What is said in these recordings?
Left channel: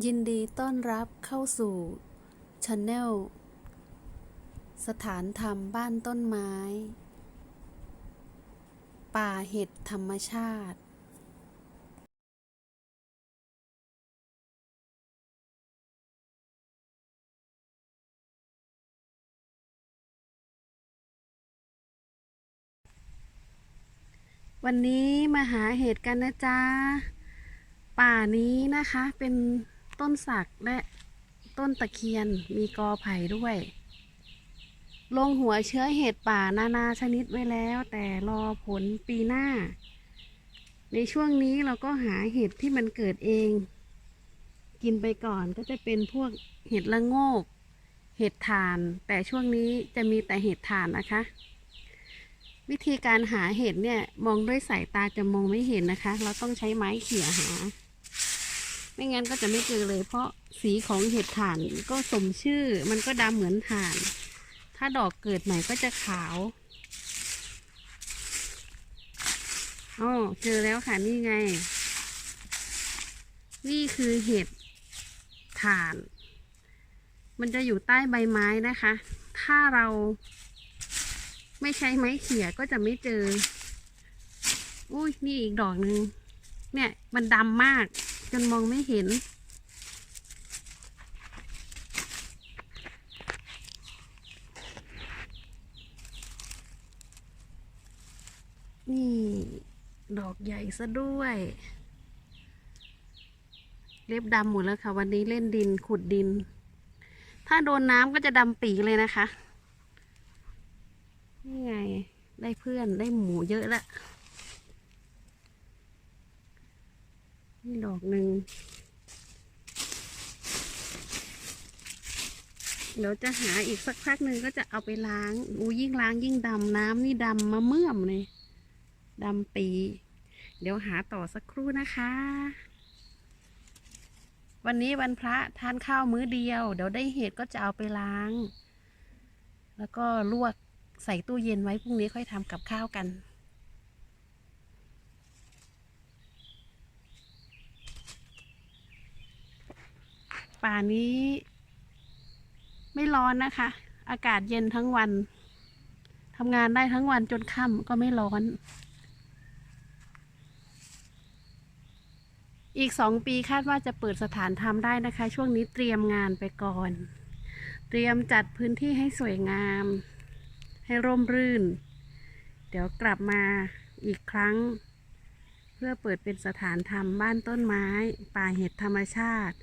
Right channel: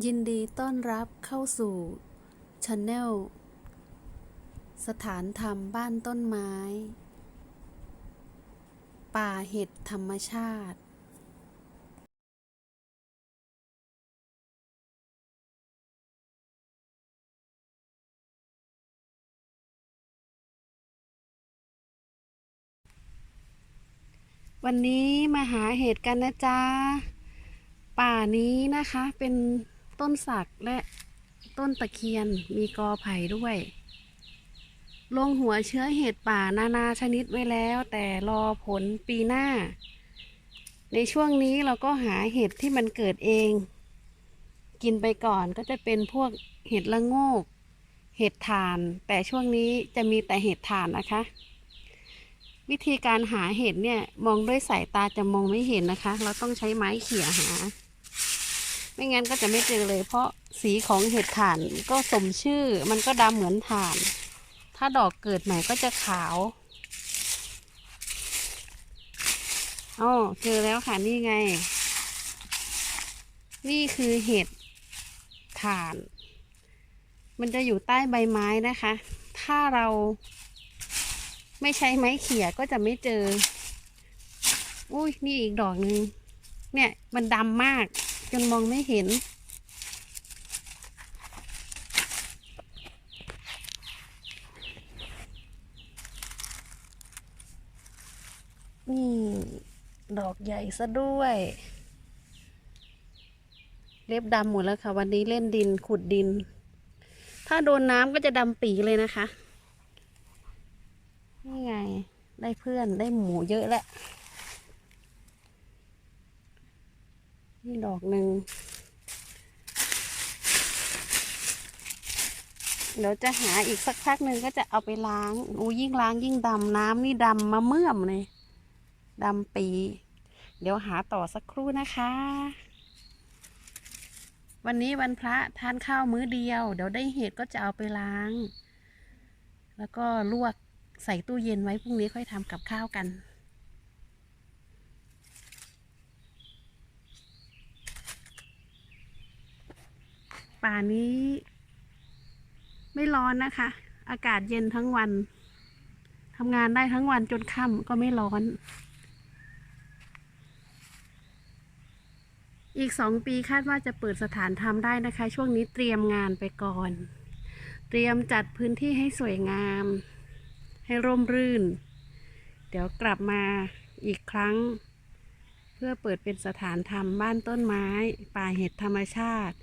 ยินดีต้อนรับเข้าสู่ช anel สถานธรรมบ้านต้นไม้ ป่าเห็ดธรรมชาติ วันนี้มาหาเห็ดกันนะจ๊ะ ป่านี้นะคะเป็น ต้นสักและต้นตะเคียนมีกอไผ่ด้วย ลงหัวเชื้อเห็ดป่านานาชนิดไว้แล้ว แต่รอผลปีหน้า ในช่วงนี้เราก็หาเห็ดที่มันเกิดเอง กินไปก่อนก็จะเป็นพวกเห็ดละโงก เห็ดถ่าน แต่ช่วงนี้จะมีแต่เห็ดถ่านนะคะ วิธีการหาเห็ดเนี่ยมองด้วยสายตาจะมองไม่เห็นนะคะ เราต้องใช้ไม้เขี่ยหา ไม่งั้นก็จะไม่เจอเลย เพราะสีของเห็ดถ่านก็สมชื่อ มันก็ดำเหมือนถ่าน ถ้าดอกเกิดใหม่ก็จะขาวอ๋อเจอแล้วค่ะนี่ไง นี่คือเห็ดถ่าน มันจะอยู่ใต้ใบไม้นะคะ ถ้าเราไม่ใช้ไม้เขี่ยก็จะไม่เจอ อุ้ยนี่อีกดอกหนึ่งเนี่ยมันดำมาก จนมองไม่เห็น นี่ ดอกใหญ่ซะด้วย เล็บดำหมดแล้วค่ะ วันนี้เล่นดินขุดดิน ถ้าโดนน้ำก็จะดำปีเลยนะคะ นี่ไง ได้เพื่อนได้หมูเยอะแล้ว นี่ดอกหนึ่ง เดี๋ยวจะหาอีกสักพักหนึ่งก็จะเอาไปล้างอู้ยิ่งล้างยิ่งดำน้ำนี่ดำมาเมื่อมเลยดำปี เดี๋ยวหาต่อสักครู่นะคะ วันนี้วันพระทานข้าวมื้อเดียว เดี๋ยวได้เห็ดก็จะเอาไปล้าง แล้วก็ลวกใส่ตู้เย็นไว้พรุ่งนี้ค่อยทำกับข้าวกัน ป่านี้ ไม่ร้อนนะคะ อากาศเย็นทั้งวันทำงานได้ทั้งวันจนค่ำก็ไม่ร้อน อีกสองปีคาดว่าจะเปิดสถานธรรมได้นะคะ ช่วงนี้เตรียมงานไปก่อน เตรียมจัดพื้นที่ให้สวยงาม ให้ร่มรื่น เดี๋ยวกลับมาอีกครั้ง เพื่อเปิดเป็นสถานธรรมบ้านต้นไม้ ป่าเห็ดธรรมชาติ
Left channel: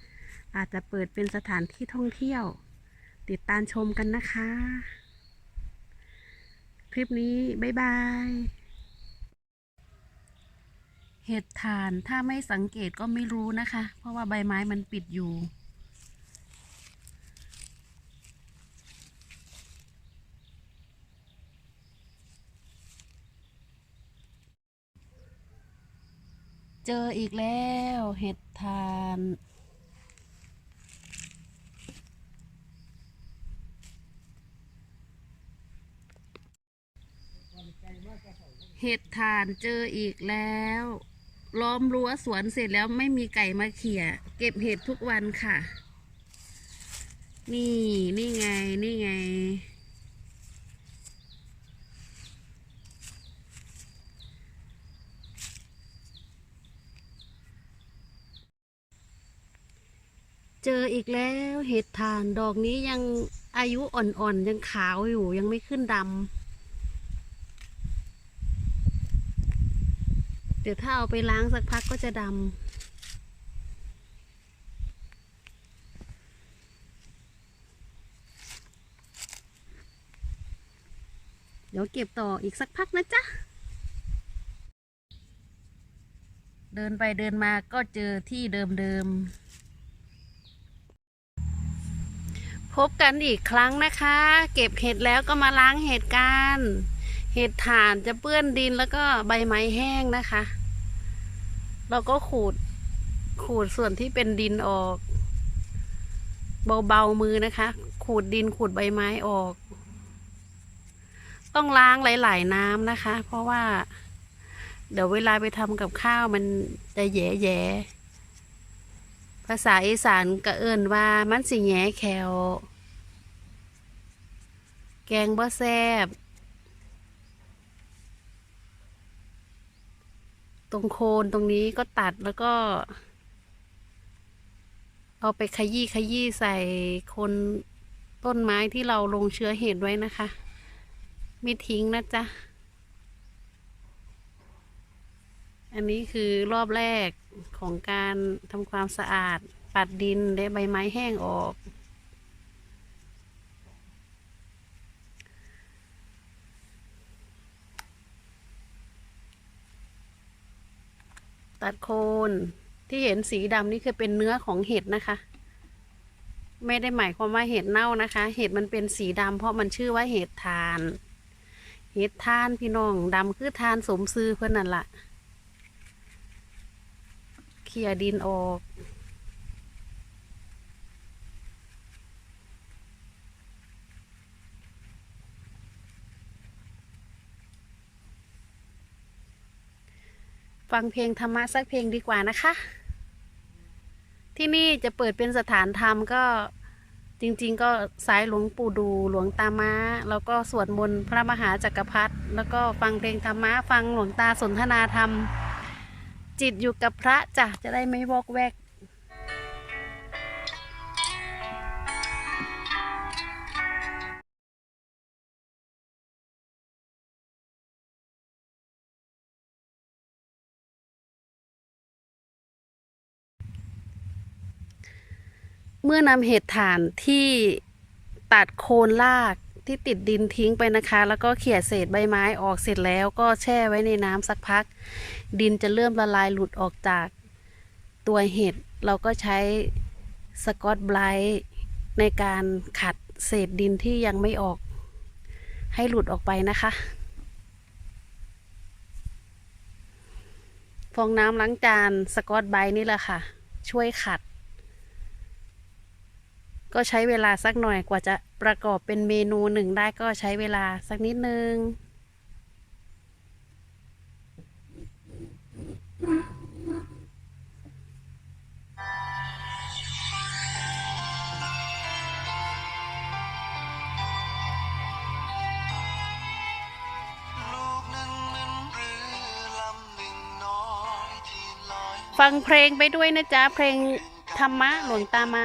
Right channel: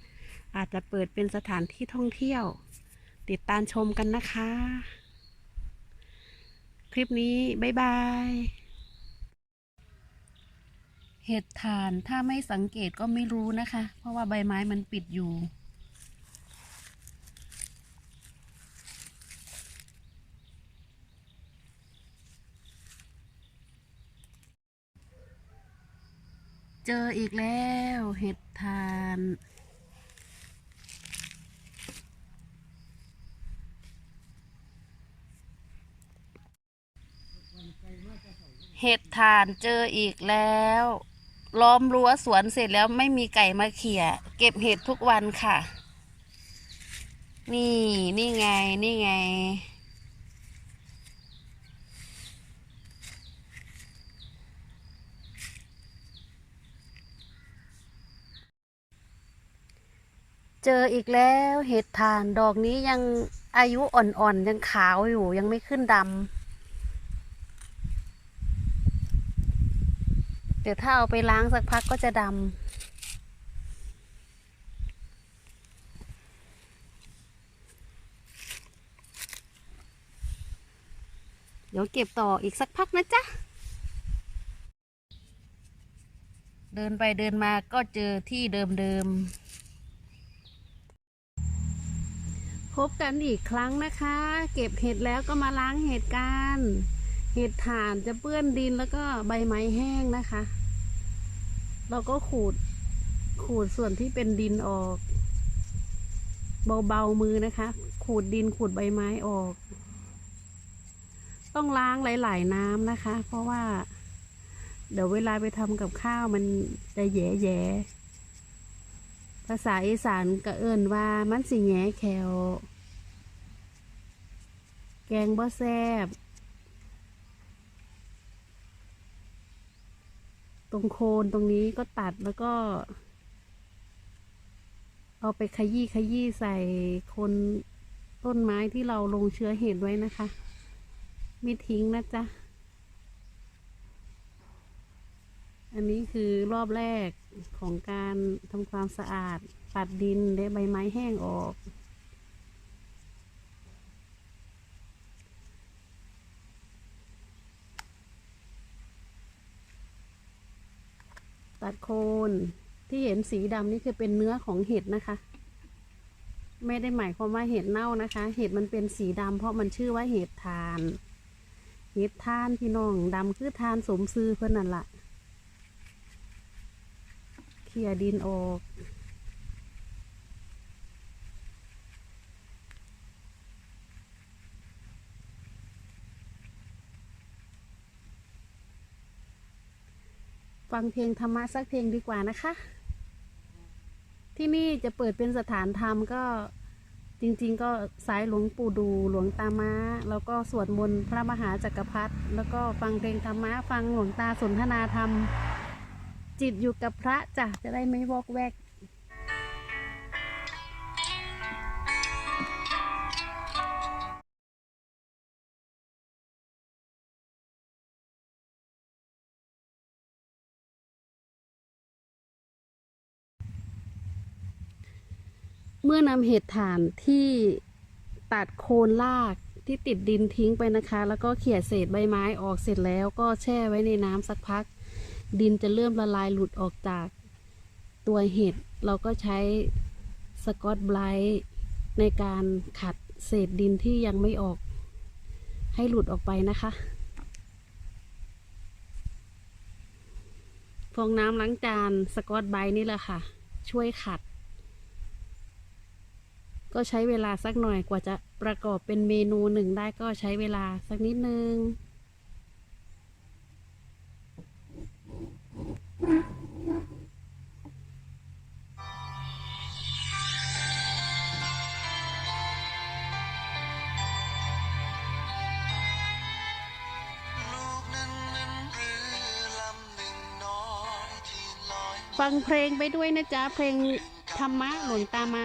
อาจจะเปิดเป็นสถานที่ท่องเที่ยว ติดตามชมกันนะคะ คลิปนี้ บ๊ายบาย เห็ดถ่านถ้าไม่สังเกตก็ไม่รู้นะคะ เพราะว่าใบไม้มันปิดอยู่เจออีกแล้ว เห็ดถ่าน เห็ดถ่านเจออีกแล้ว ล้อมรั้วสวนเสร็จแล้วไม่มีไก่มาเขี่ย เก็บเห็ดทุกวันค่ะ นี่นี่ไงนี่ไง เจออีกแล้วเห็ดถ่านดอกนี้ยังอายุอ่อนๆ ยังขาวอยู่ยังไม่ขึ้นดำ เดี๋ยวถ้าเอาไปล้างสักพักก็จะดำเดี๋ยวเก็บต่ออีกสักพักนะจ๊ะ เดินไปเดินมาก็เจอที่เดิมๆ พบกันอีกครั้งนะคะ เก็บเห็ดแล้วก็มาล้างเห็ดกัน เห็ดถ่านจะเปื้อนดินแล้วก็ใบไม้แห้งนะคะ เราก็ขูดขูดส่วนที่เป็นดินออก เบาๆมือนะคะ ขูดดินขูดใบไม้ออก ต้องล้างหลาย ๆ น้ำนะคะ เพราะว่า เดี๋ยวเวลาไปทำกับข้าวมันจะแย่ๆภาษาอีสานก็เอิ้นว่ามันสิแหงแขวแกงบ่แซ่บ ตรงโคนตรงนี้ก็ตัดแล้วก็ เอาไปขยี้ขยี้ใส่โคนต้นไม้ที่เราลงเชื้อเห็ดไว้นะคะ ไม่ทิ้งนะจ๊ะ อันนี้คือรอบแรกของการทำความสะอาด ปัดดินและใบไม้แห้งออก ตัดโคนที่เห็นสีดำนี่คือเป็นเนื้อของเห็ดนะคะ ไม่ได้หมายความว่าเห็ดเน่านะคะ เห็ดมันเป็นสีดำเพราะมันชื่อว่าเห็ดทาน เห็ดทานพี่น้องดำคือทานสมซื้อเพื่อนนั่นละเคลียดินออก ฟังเพลงธรรมะสักเพลงดีกว่านะคะ ที่นี่จะเปิดเป็นสถานธรรมก็จริง ๆ ก็สายหลวงปู่ดูหลวงตาม้า แล้วก็สวดมนต์พระมหาจักรพรรดิแล้วก็ฟังเพลงธรรมะฟังหลวงตาสนทนาธรรม จิตอยู่กับพระจ้ะจะได้ไม่วอกแวก เมื่อนำเห็ดถ่านที่ตัดโคนรากที่ติดดินทิ้งไปนะคะ แล้วก็เขี่ยเศษใบไม้ออกเสร็จแล้วก็แช่ไว้ในน้ำสักพัก ดินจะเริ่มละลายหลุดออกจากตัวเห็ด เราก็ใช้สกอตไบรท์ในการขัดเศษดินที่ยังไม่ออก ให้หลุดออกไปนะคะ ฟองน้ำล้างจานสกอตไบรท์นี่แหละค่ะ ช่วยขัด ก็ใช้เวลาสักหน่อยกว่าจะประกอบเป็นเมนูหนึ่งได้ก็ใช้เวลาสักนิดนึงลูกนั้นเหมือนเรือลำหนึ่งน้อยที่ลอยฟังเพลงไปด้วยนะจ๊ะ เพลงธรรมะหลวงตาม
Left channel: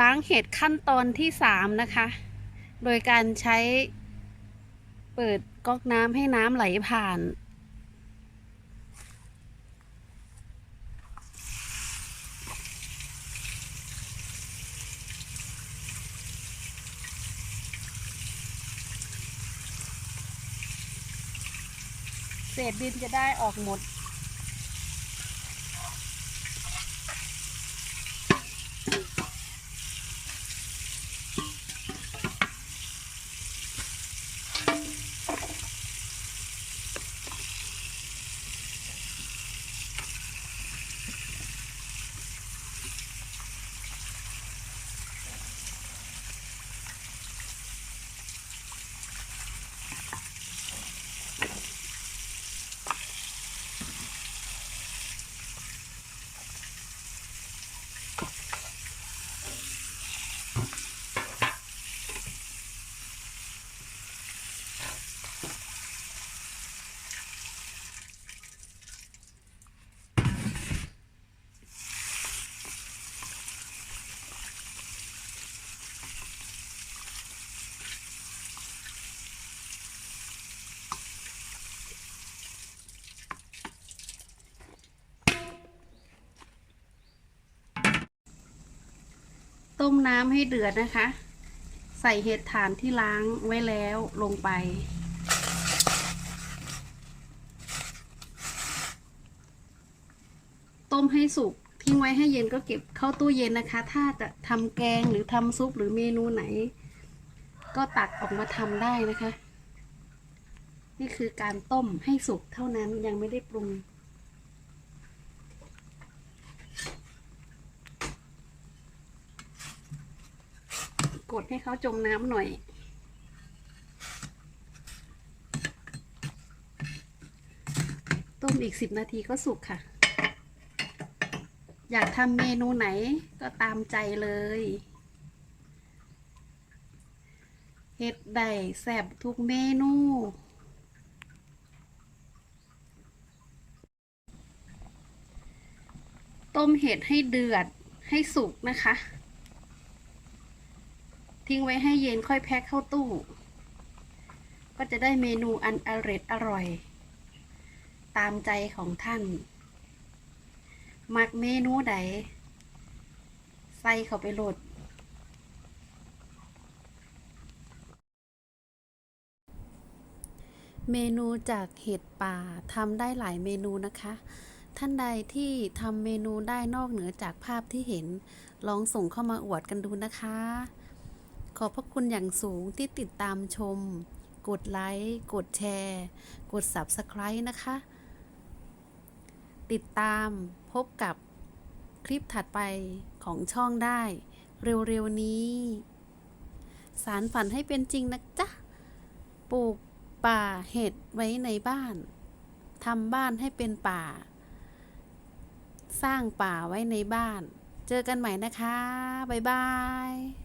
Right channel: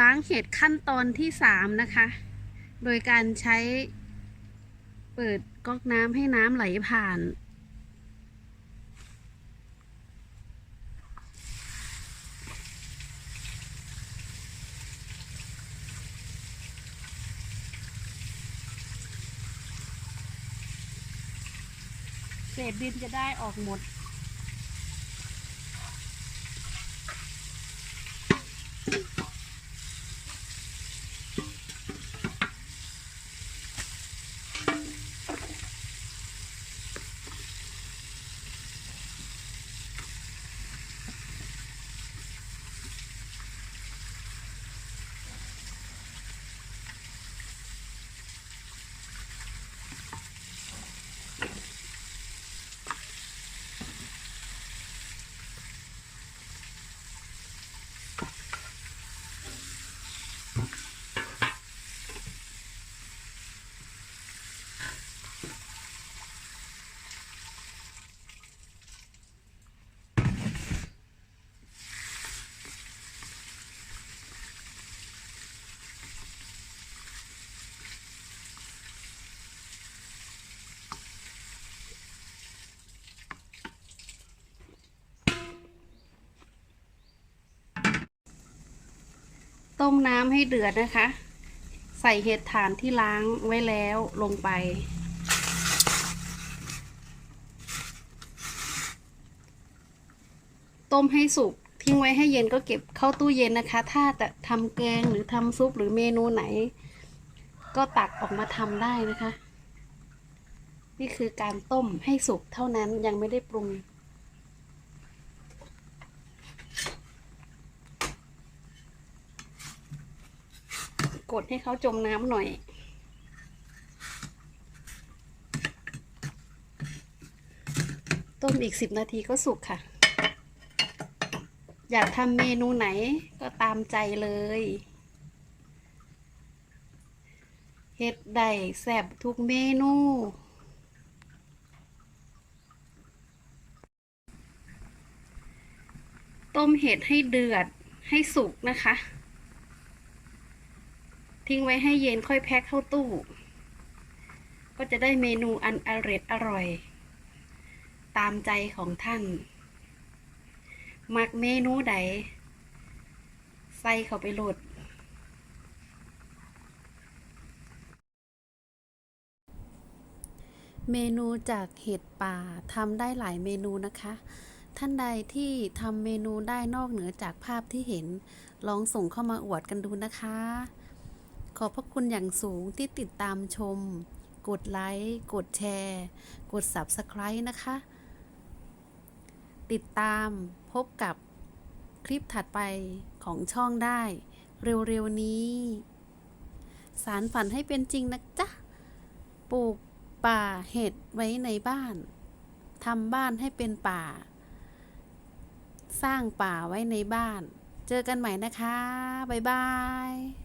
ล้างเห็ดขั้นตอนที่สามนะคะ โดยการใช้เปิดก๊อกน้ำให้น้ำไหลผ่าน เศษดินจะได้ออกหมด ต้มน้ำให้เดือดนะคะ ใส่เห็ดถ่านที่ล้างไว้แล้วลงไป ต้มให้สุกทิ้งไว้ให้เย็นก็เก็บเข้าตู้เย็นนะคะ ถ้าจะทำแกงหรือทำซุปหรือเมนูไหน ก็ตักออกมาทำได้นะคะ นี่คือการต้มให้สุกเท่านั้นยังไม่ได้ปรุง กดให้เขาจมน้ำหน่อย ต้มอีกสิบนาทีก็สุกค่ะ อยากทำเมนูไหนก็ตามใจเลยเฮ็ดได้แซ่บทุกเมนู ต้มเห็ดให้เดือดให้สุกนะคะ ทิ้งไว้ให้เย็นค่อยแพ็คเข้าตู้ ก็จะได้เมนูอันอร่อยอร่อย ตามใจของท่าน มักเมนูใด ใส่เข้าไปโหลด เมนูจากเห็ดป่าทำได้หลายเมนูนะคะ ท่านใดที่ทำเมนูได้นอกเหนือจากภาพที่เห็น ลองส่งเข้ามาอวดกันดูนะคะ ขอบพระคุณอย่างสูงที่ติดตามชม กดไลค์ กดแชร์ กด Subscribe นะคะ ติดตามพบกับคลิปถัดไปของช่องได้ เร็ว ๆ นี้ สารฝันให้เป็นจริงนะจ๊ะ ปลูกป่าเห็ดไว้ในบ้านทำบ้านให้เป็นป่า สร้างป่าไว้ในบ้าน เจอกันใหม่นะคะ บ๊ายบาย